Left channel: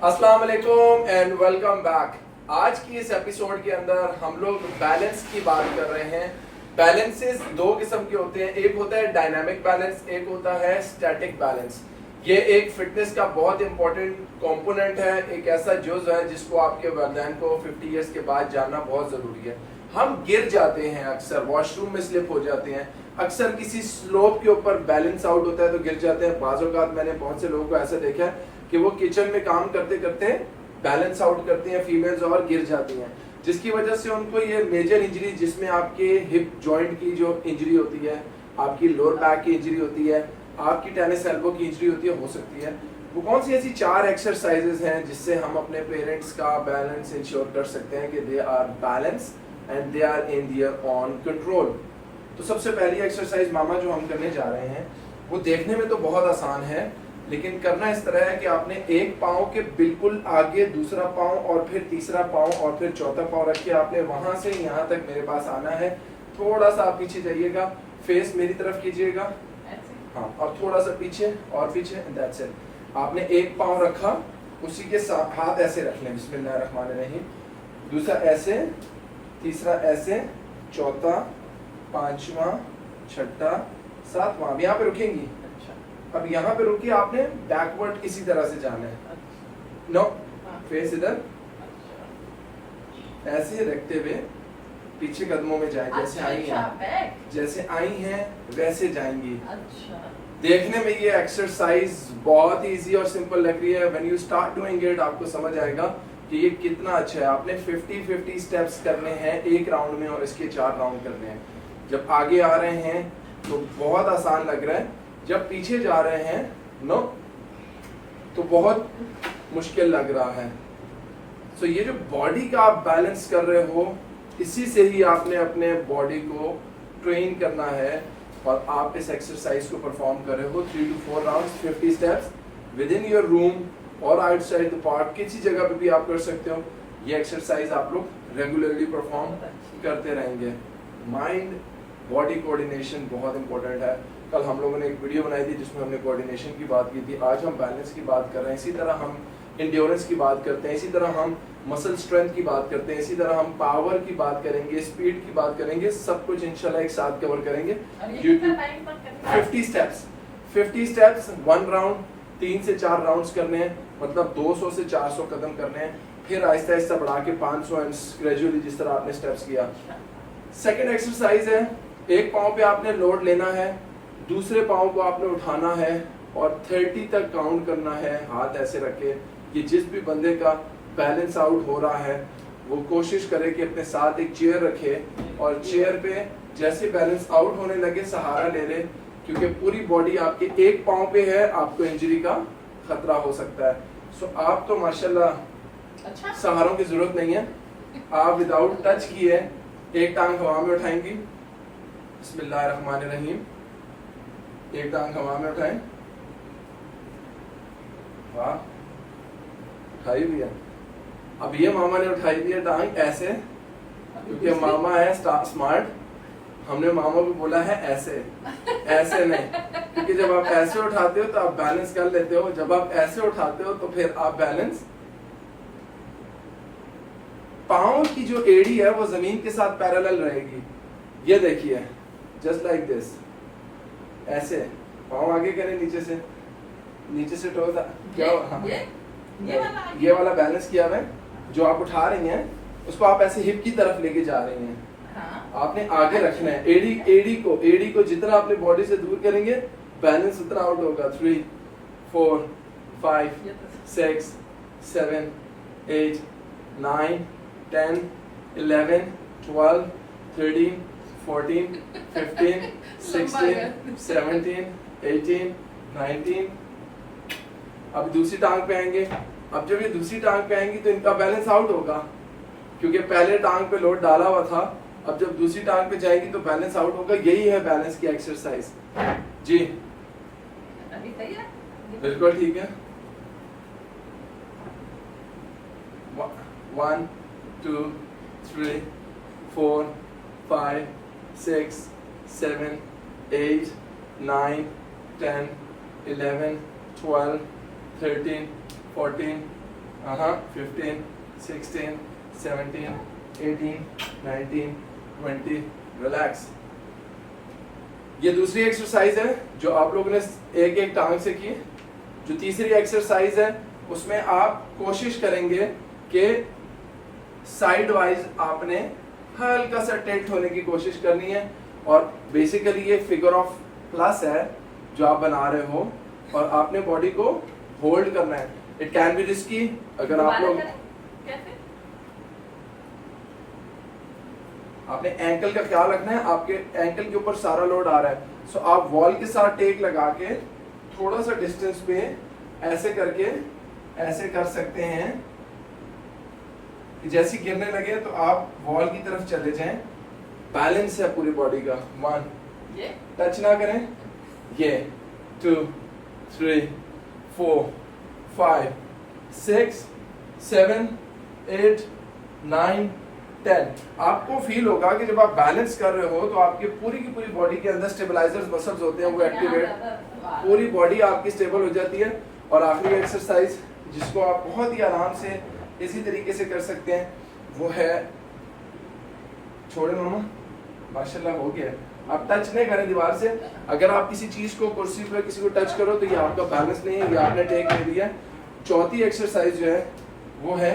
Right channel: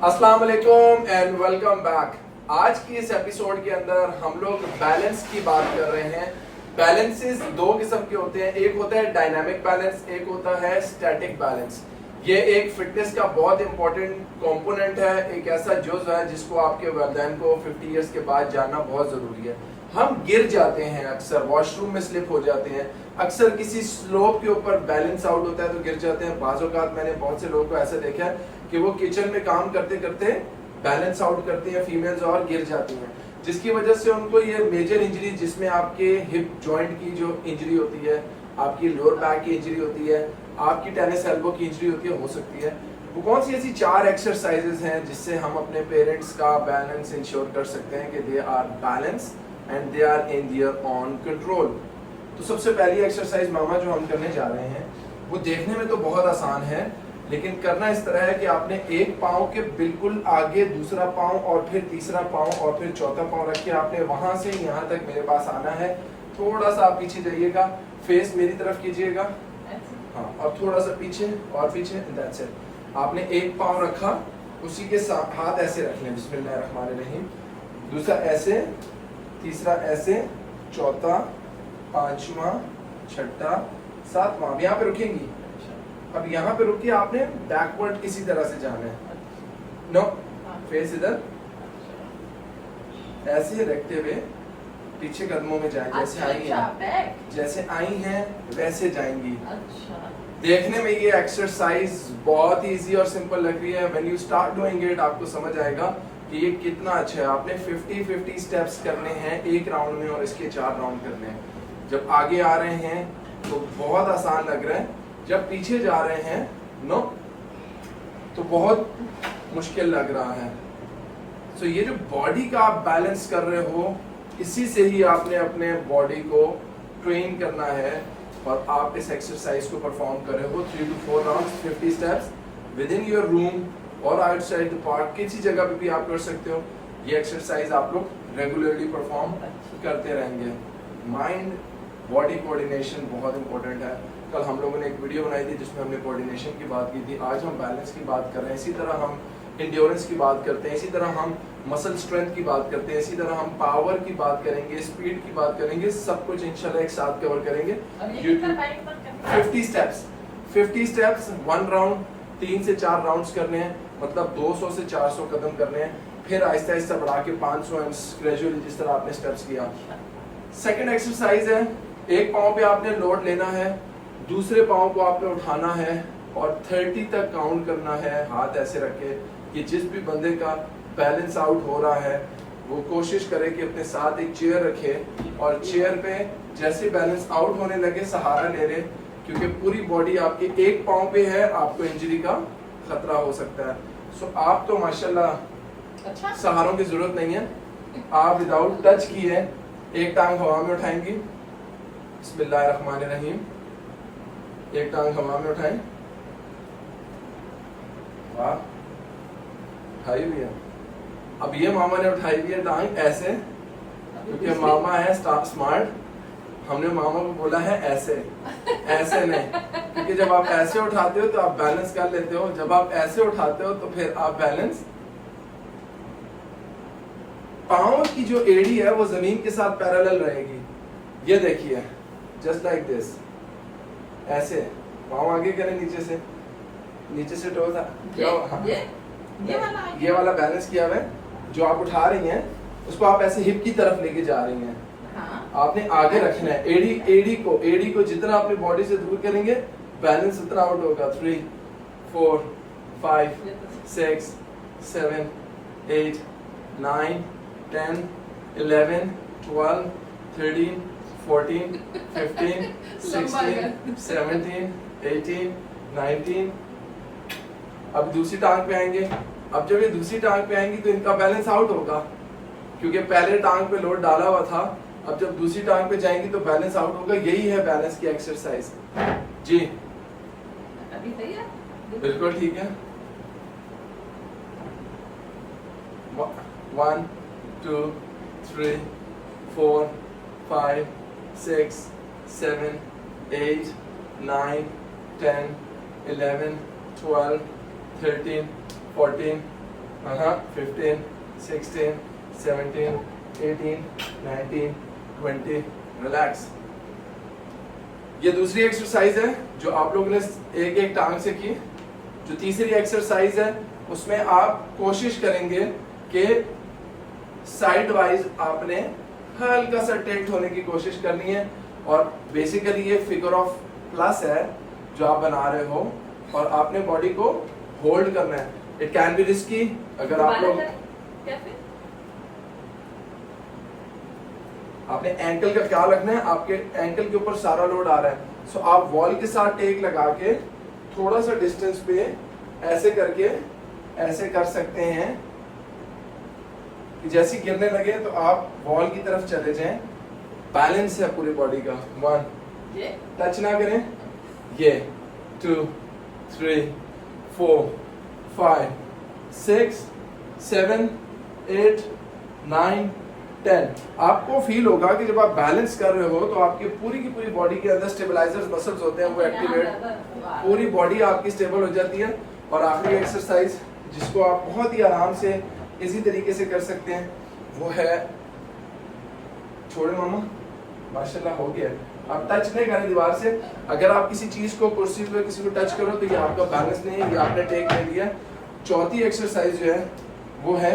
अस्सलाम वालेकुम and welcome back. आज की इस एपिसोड के अंदर हम लोग बैलेंस की बात कर रहे हैं। बैलेंसेस दो किस्म के होते हैं, एक होता है डायनामिक बैलेंस, एक होता है स्टैटिक बैलेंस। ये एक फिटनेस का बहुत इंपॉर्टेंट कंपोनेंट है, एक ऐसा जुज़ है जिसको आपके वालिदैन को 50 इयर्स के बाद जानना बहुत ज़रूरी है। हम गिर जाते हैं, अक्सर वॉशरूम में स्लिप हो जाते हैं, अक्सर किसी स्लोप के ऊपर बैलेंस आउट होता है तो गिर जाते हैं। बाज़ औक़ात मैंने बहुत से लोगों को ऐसा देखा है कि वो किचन में काम करते करते बैलेंस आउट करती हैं फीमेल्स और गिर जाती हैं, जिसकी वजह से उनको ये मेजर इंजरी, जिसमें आपके हिप जॉइंट की जो इंजरी होती है, आपकी लोअर बैक की इंजरी होती है, आपकी टेनिस एल्बो की इंजरी होती है, हो सकती है। वो कौन सी ऐसी 4 एक्सरसाइजेस हैं जिससे हम अपने पेरेंट्स का बैलेंस इंश्योर कर सकते हैं कि they are balance and they are in their own control. तो सबसे पहली एक्सरसाइज मामा जो हम करने जा रहे हैं वो देखने में तो बहुत आसान है, लेकिन करना इस तरह है कि आपने एक पाँव के बिल्कुल आगे दूसरा पाँव और फिर तीसरा पाँव और फिर चौथा पाँव रख के आपने वहां से यहाँ तक मेरे पास आना है। थोड़ा सा आप पीछे जाइएगा, फेस मेरी तरफ कीजिएगा, हाँ, और थोड़ा सा पीछे और पीछे, दैट्स इट। आपने एक पाँव रखा, उसी के साथ हाथ ऐसे रख लें, बिस्मिल्लाहिर्रहमानिर्रहीम, दूसरा ऐसे, तीसरा ऐसे, चौथा, पांचवा, छठा, सातवां। अब यहाँ पे रुकेंगी। अब यहाँ पे रुकिए, आपने बैकवर्ड किसी तरह से जाना है। नो, फेस इधर, ऐसे रखते हुए पीछे कदमों में जाए, जैसे आई हैं, जैसे आई हैं वैसे जाएंगी। देखने में ये एक्सरसाइज बहुत इजी और सिंपल लग रही है। When you start doing it आपको समझ आएगा कि ये कितना अच्छा है। आपने 50-50 स्टेप्स करने हैं एक राउंड में और इसके 4 राउंड करने हैं। जब आगे आ रहे हैं तो बहुत आसान लग रहा है, जब पीछे जा रहे हैं नो तो बहुत मुश्किल लग रहा है। सो ये जो बॉडी का आप बैलेंस कर रहे हो, इसी से ही आपने अपने बॉडी को ट्रेन करना है। और आप इस एक्सरसाइज को परफॉर्म कर रहे हो 3 to 4 rounds, 50 steps with in your room और आउटसाइड द पार्क, किसी जगह पे भी आप कर सकते हो। ये एक्सरसाइज आप लोग रेगुलरली परफॉर्म करते रहेंगे। माइंड बॉडी कोऑर्डिनेशन बहुत इंपॉर्टेंट है। कल हम लोगों ने एक वीडियो बनाई थी जिसमें हमने कोऑर्डिनेशन की बात की थी। आज हम बैलेंस की बात कर रहे हैं, इसी तरह हम इंड्योरेंस की बात करते हैं, इसी तरह हम मसल स्ट्रेंथ की बात करते हैं, इसी तरह हम पावर की बात करेंगे, स्पीड की बात करेंगे, सब कुछ इंशाल्लाह एक साथ कवर करेंगे। 50 स्टेप्स 1 राउंड, 3 से 4 राउंड्स करने हैं, मतलब 200 से 400 कदम करने हैं, फिर आहिस्ता आहिस्ता बढ़ा के 500 एंड ग्रेजुअली जिस तरह आपने स्टेप्स किया। सेकेंड एक्सरसाइज है, एक पाँव पे आपने लोड लेना है, दूसरे पाँव को आपने उठाना है और 30 तक काउंट करना है हाथ ऐसे रखे कि जिस भी बंदे का बैलेंस आउट हो रहा है वो कोशिश करे कि अपने साथ एक चेयर रखे और चेयर पे जैसे बैलेंस आउट होने लगे सहारा ले ले, क्योंकि पूरी बॉडी आपके एक पाँव पे है, आपको इंजरी का खतरा हो सकता है। सो आप तो माशाल्लाह सहारों की जरूरत नहीं है, आप विदाउट टच किए एक टांग हवा में उठाएंगी, बिस्मिल्लाहिर्रहमानिर्रहीम, एक टांग हवा में उठाएं, वाह, उठाई हुई है। अब ये मामा ने उठाई हुई है टांग ऐसे, क्योंकि मामा है स्मार्ट, हमने मामा को बोला है ऐसे, ऐसे नहीं, क्योंकि जब आप ऐसे उठाते हो तो आप बैलेंस कर लेते हो, जब आप ऐसे उठाते हो तो फिर आप बैलेंस, पाँव की जो एड़ी है वो जमीन के साथ पैरेलल रहेगी। ये देखिए, जस्ट लाइक दिस, ऐसे पाँव आगे करें, नीचे से टोज, क्या ये वाला बैलेंस किया हुआ है। जो आप उठा रही हैं उसको आप ऐसे हिप की तरफ लेके जा रही हैं, आपने आगे रखना है। एड़ी को जितना अपने बॉडी से दूर करेंगे बैलेंस उतना आउट होगा। 3 4 5 6 7 8 9 10 11 12 13 14 15 16 17 18 19। अब दूसरी टांग पे आएंगे। अब जब ये दूसरी टांग पे आएंगी तो इनका बैलेंस आउट होगा, क्योंकि पहले टांग पे लोड डाला हुआ था। अब जब दूसरी टांग पे जाएंगी तो बैलेंस आउट होगा। यही है बैलेंस की एक्सरसाइज। जी अभी सही है, बिल्कुल ठीक है। 1 2 3 4 5 6 7 8 9 10 11 12 13 14 15, 16, 17, 18, 19, 20. रिलैक्स। ये दूसरी एक्सरसाइज है जो आप लोगों ने एक एक टांग से की। जो तीसरी एक्सरसाइज है उसमें आप कोशिश करेंगे कि साइड वाइज आपने हल्का सा टिल्ट होने की कोशिश करनी है, और बेसिकली ये फिगर ऑफ प्लस है जो आप बना रहे हो, और आपने बॉडी को होल्ड करना है। इट कैन बी रिस्की अगर आप लोग, आपने एंकल का ख्याल रखना है, आपके एंकल के ऊपर सारा लोड आ रहा है। सो आप वॉल के साथ टेक लगा के थोड़ा सा डिस्टेंस पे ऐसे करके ऐसे कर सकते हैं कि जैसे गिरने लगे तो आप वॉल की तरफ चले जाएं। बैलेंस है पूरी बॉडी का। 1, ये टच ना करें, ये 2, 3, 4, 5, 6, 7, 8, 9, 10। आपको फील होगा कि जब आप बैलेंस कर रहे हो तो आपकी पूरी की पूरी बॉडी के अंदर स्टेबलाइजर्स मसल्स होते हैं, वो एक्टिवेट, पूरी बॉडी आपकी स्टेबल हो जाती है। और आखिरी एक्सरसाइज जिसको आप बहुत ही आराम से इसी तरीके से कर सकते हैं वो है, छोड़े मामा, माशाल्लाह हो गया। आप टच नहीं करें दीवार से। अगर आप किसी चीज को, कुर्सी पे किसी को टच करो तो ये आपका बैलेंस नहीं है, ये आपने टेक ले लिया। चौथी एक्सरसाइज जो है वो है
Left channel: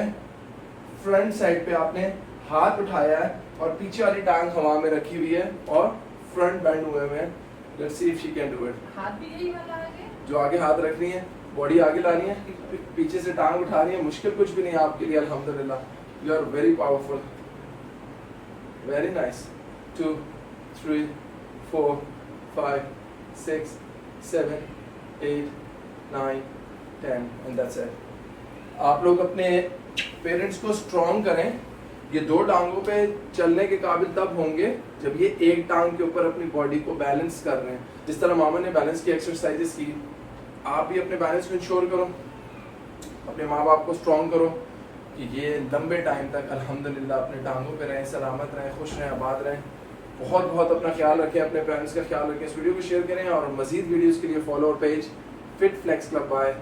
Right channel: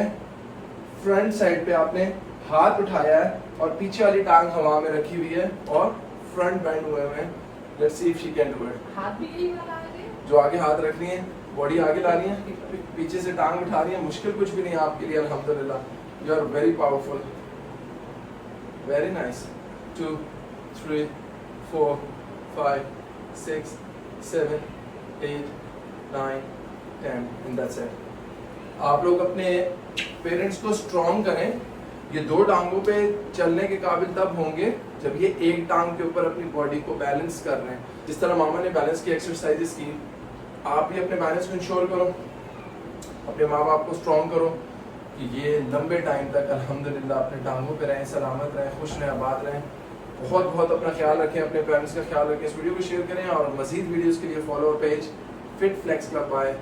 फ्रंट साइड पे आपने हाथ उठाया है और पीछे वाली टांग हवा में रखी हुई है और फ्रंट बेंड हुए हुए हैं। Let's see if she can do it. हाथ भी यही वाला आगे, जो आगे हाथ रख रही है, बॉडी आगे लानी है, पीछे से टांग उठा रही है। मुश्किल कुछ भी नहीं है आपके लिए, अल्हम्दुलिल्लाह। You are very powerful, very nice. 2, 3, 4, 5, 6, 7, 8, 9, 10 and that's it. आप लोग अपने पेरेंट्स को स्ट्रॉन्ग करें। ये दो टांगों पे चलने के काबिल तब होंगे जब ये एक टांग के ऊपर अपनी बॉडी को बैलेंस कर रहे हैं। जिस तरह मामा ने बैलेंस की एक्सरसाइजेस की, आप भी अपने बैलेंस को इंश्योर करो, अपने माँ बाप को स्ट्रॉन्ग करो कि ये लंबे टाइम तक अल्हम्दुलिल्लाह अपने टांगों पे रहें, सलामत रहें, खुश रहें, आबाद रहें। बहुत बहुत अपना ख्याल रखें, अपने पेरेंट्स का ख्याल रखें। इस वीडियो को शेयर करें और मजीद वीडियोस के लिए follow page fit flex club by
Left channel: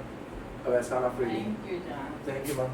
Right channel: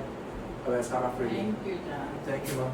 अवैसाना फ्रीडी। थैंक यू जान। Thank you ma'am.